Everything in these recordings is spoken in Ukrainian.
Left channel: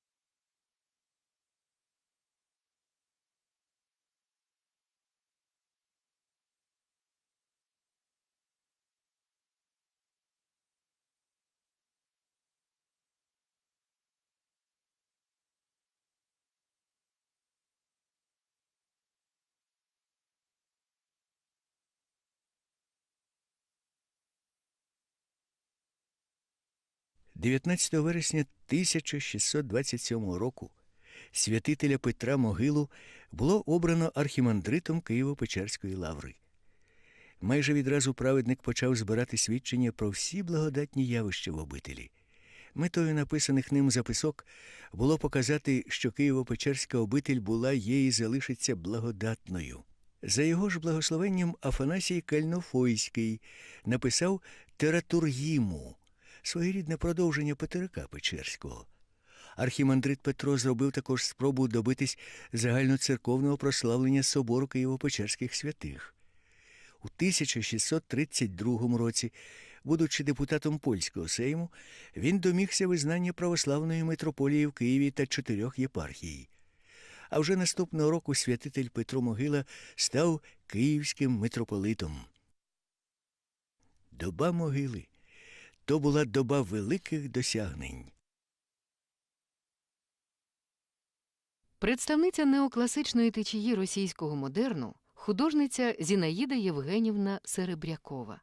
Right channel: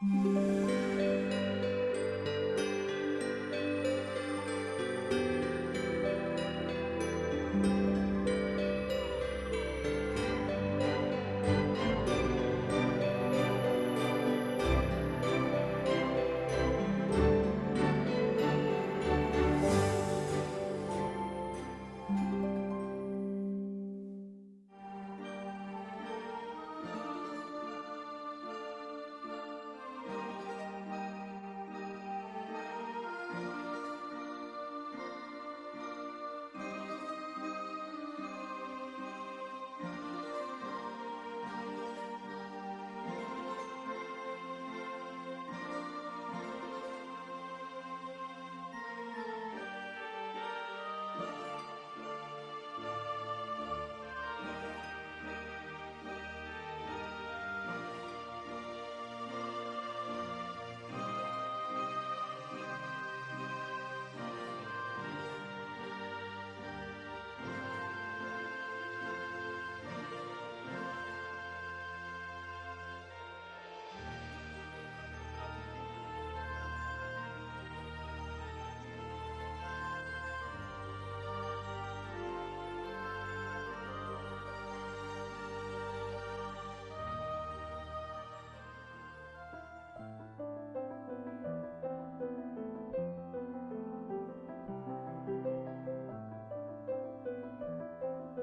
Música – 19 вересня 1627 року святителя Петра Могилу було обрано архімандритом Києво-Печерської лаври. Майже відразу праведник почав збирати свідчення про всі благодатні явища в обителі. Метою написаних ним записок було показати, що Києво-Печерська обитель була є і залишиться благодатною. За його ж благословенням Афанасій Кальнофойський написав Тератургіму, своєрідне продовження Петерика Печерського. Архімандрит Петро зробив також спробу добитись загальноцерковного прославлення собору Києво-Печерських святих. У 1632 році, будучи депутатом польського сейму, він домігся визнання православної митрополії в Києві та чотирьох єпархій. А вже наступного року святитель Петро Могила став київським митрополитом. Доба могили то була доба великих досягнень. Представниця неокласичної течії російського модерну, художниця Зінаїда Євгенівна Серебрякова.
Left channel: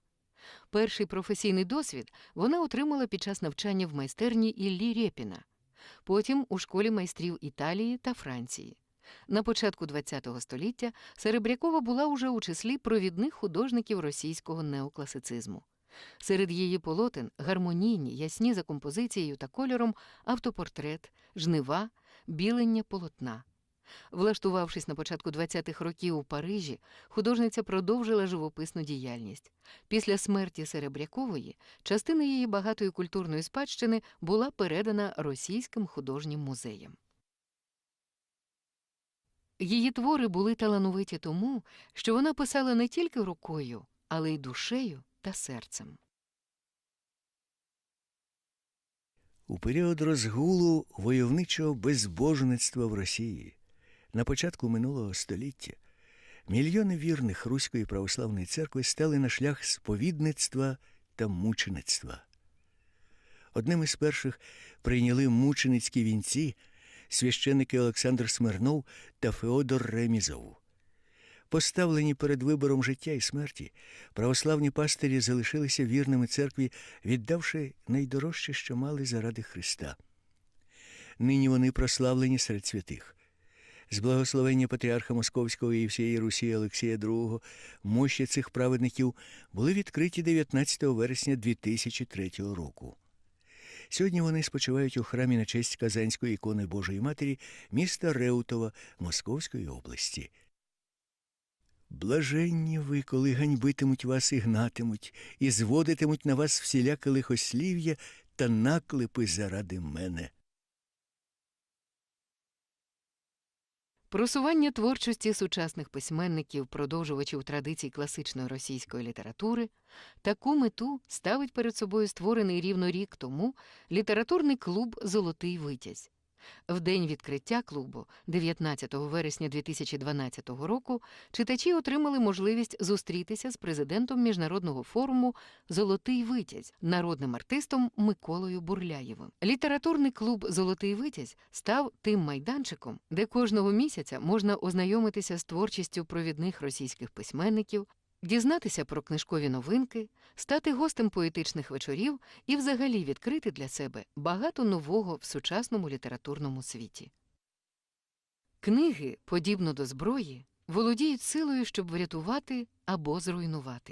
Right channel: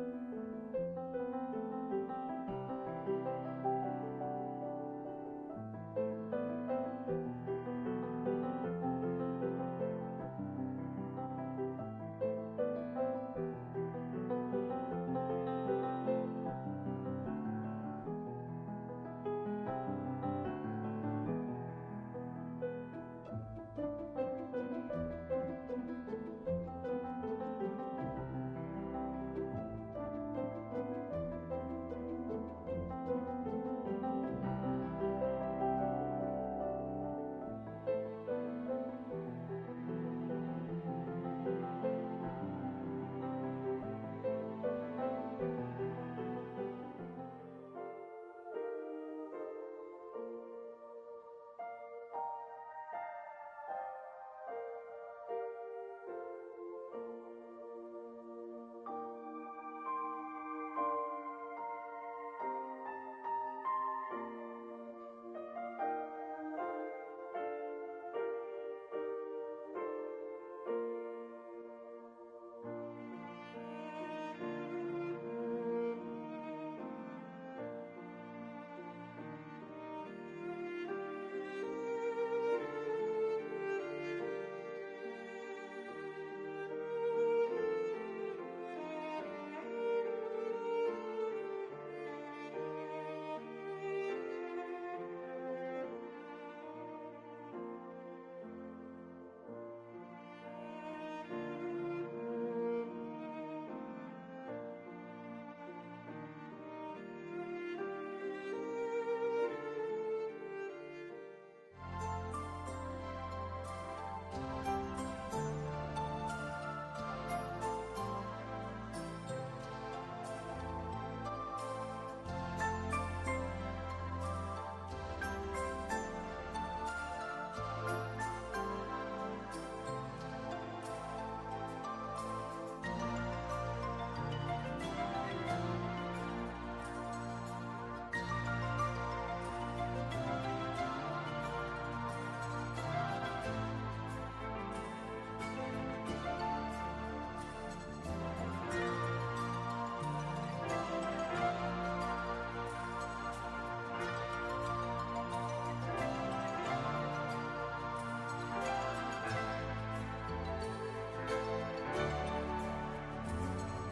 Перший професійний досвід вона отримала під час навчання в майстерні Іллі Рєпіна, потім у школі майстрів Італії та Франції. На початку ХХ століття Серебрякова була уже у числі провідних художників російського неокласицизму. Серед її полотен гармонійні, ясні за композицією та кольором автопортрет, жнива, білення полотна. Влаштувавшись на початку 20-х років у Парижі, художниця продовжила живописну діяльність. Після смерті Серебрякової частина її багатої культурної спадщини була передана російським художнім музеям. Її твори були талановиті тому, що вона писала не тільки рукою, але й душею та серцем. У період розгулу войовничого безбожництва в Росії на початку минулого століття мільйони вірних Руської православної церкви стали на шлях сповідництва та мучеництва. Одним із перших прийняли мученицькі вінці священники Олександр Смирнов та Феодор Ремізов. Поставлені перед вибором життя і смерті, православні пастирі залишилися вірними церкві, віддавши найдорожче, що мали заради Христа. Нині вони прославлені серед святих. З благословення патріарха Московського і всієї Русі Олексія II мощі цих праведників були відкриті 19 вересня 2003 року. Сьогодні вони спочивають у храмі на честь Казанської ікони Божої Матері міста Реутова Московської області. Блаженні ви, коли ганьбитимуть вас і гнатимуть, і зводитимуть на вас всіляке лихослів'я та наклепи заради мене. Просування творчості сучасних письменників, продовжувачів традицій класичної російської літератури, таку мету ставить перед собою створений рівно рік тому літературний клуб Золотий Витязь. В день відкриття клубу, 19 вересня 2012 року, читачі отримали можливість зустрітися з президентом міжнародного форуму Золотий Витязь, народним артистом Миколою Бурляєвим. Літературний клуб Золотий Витязь став тим майданчиком, де кожного місяця можна ознайомитися з творчістю провідних російських письменників, дізнатися про книжкові новинки, стати гостем поетичних вечорів і взагалі відкрити для себе багато нового в сучасному літературному світі. Книги, подібно до зброї, володіють силою, щоб врятувати або зруйнувати.